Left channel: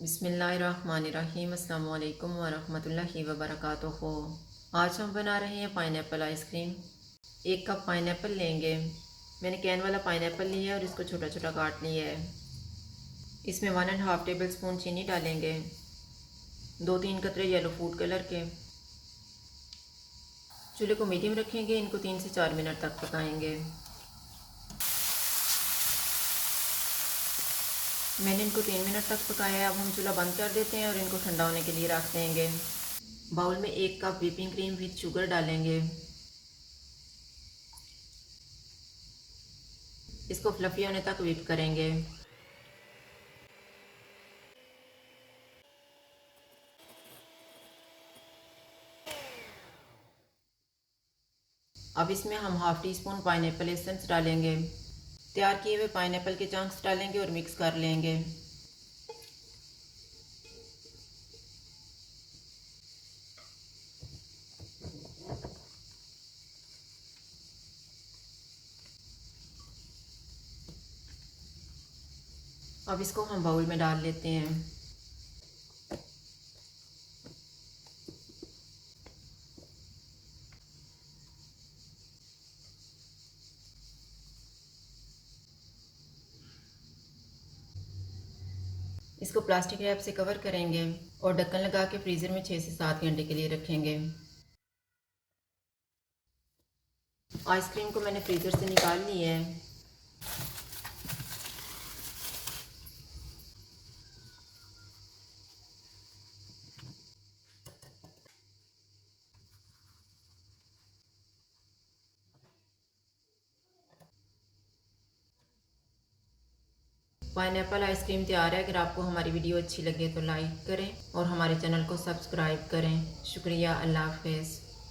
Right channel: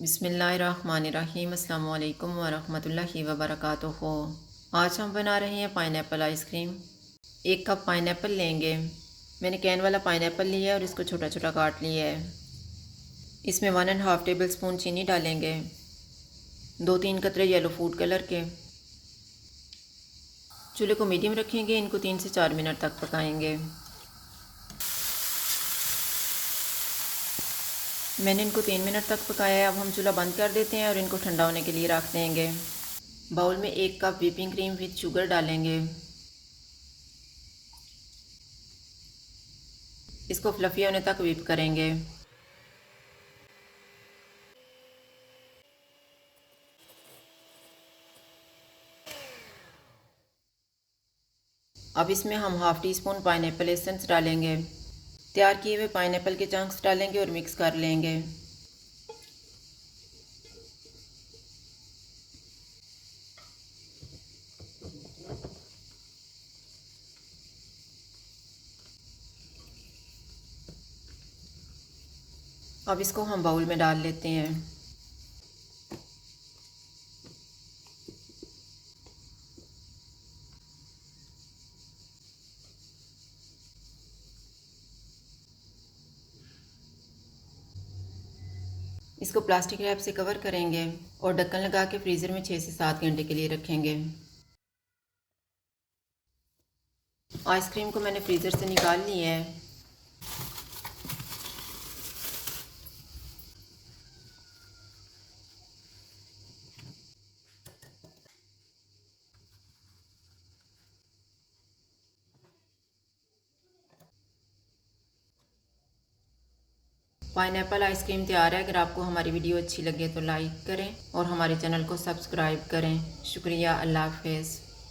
बिस्मिल्लाहिर्रहमानिर्रहीम अस्सलाम वालेकुम वरहमतुल्लाहि वबरकातुहू। आज हम बना रहे हैं पाइनएप्पल आइसक्रीम। 1 कप पाइनएप्पल लेंगे। मैंने कैन वाला पाइनएप्पल लिया है और इसको छोटा छोटा काट लिया है। इसमें 1.5 टेबल स्पून चीनी डालेंगे, 2-3 कतरे येलो फूड कलर के। चूल्हे को मीडियम रखेंगे, इनको 3 से 4 मिनट तक पकाएंगे। मैंने इनको 3 मिनट तक पकाया है। अब हम चूल्हा बंद कर देते हैं और इनको ठंडा होने के लिए रख देंगे। बाउल में 1 cup whipping cream with sugar डालेंगे। इसको फ्लफ़ी होने तक व्हिप करेंगे। अब इसमें हम half tea spoon pineapple essence डालेंगे। तैयार किए हुए पाइनएप्पल के चंक्स डालेंगे और मिक्स कर लेंगे। अब इसको हम बाउल में डाल लेते हैं। इसको प्लास्टिक रैप से कवर करेंगे और ढक्कन लगा के फ्रीज़र में 6 से 7 घंटे के लिए रखेंगे। आइसक्रीम को मैंने फ्रीज़र से निकाल लिया है। पाइनएप्पल आइसक्रीम तैयार है। अगर आपको हमारी वीडियो अच्छी लगे तो लाइक करें और हमारे चैनल को सब्सक्राइब करें। शुक्रिया। अल्लाह हाफ़िज़।